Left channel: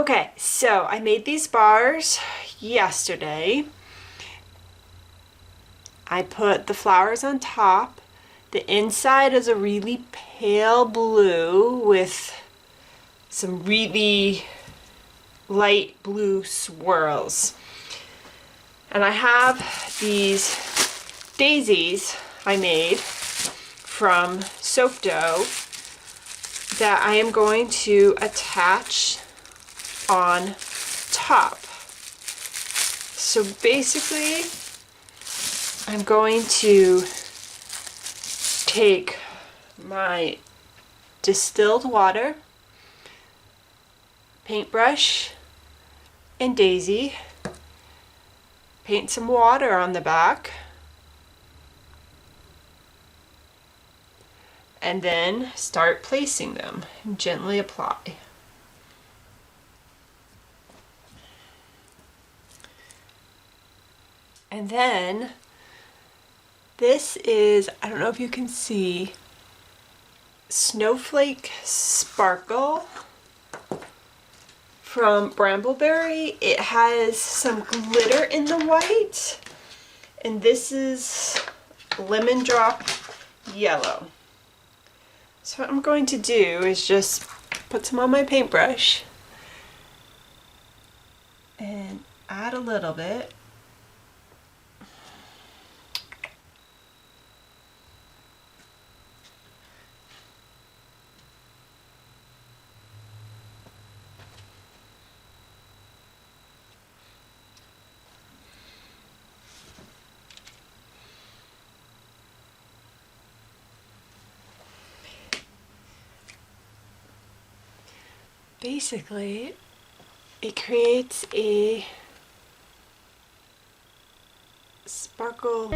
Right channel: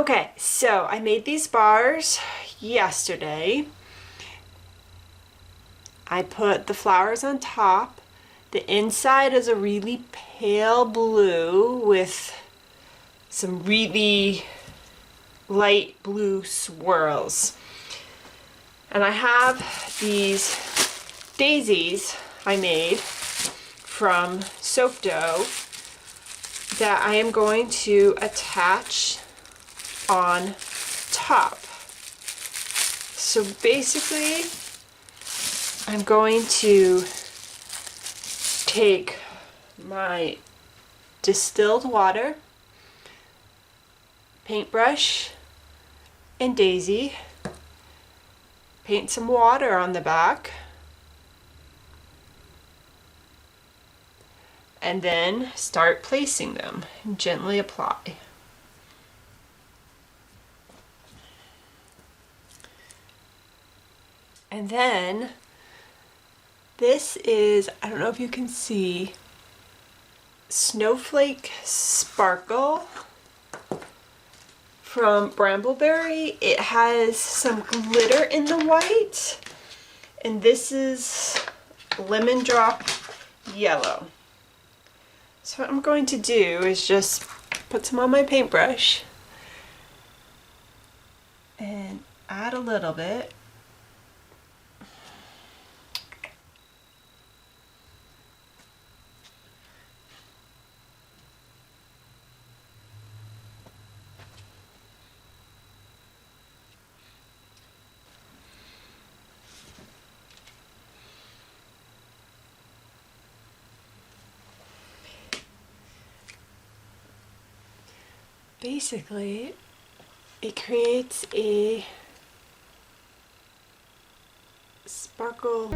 Okay, so I made these bars yesterday. I put the flowers on top. The inside is a really pale blue with some really light blue swirls. And I have these daisies I made from soap dough that I am going to attach on top. So basically, I'm going to take my distilled water, paintbrush, and daisy, paint some water on the back, and then start placing them and gently apply. And then this is, I don't know if you can see, Snowflake Sparkle from Brambleberry. It has some glitter in the white, and this is Lemon Drop Yellow. So what I'm going to do is just put some on my paintbrush and add a little bit. Basically, it creates a sparkle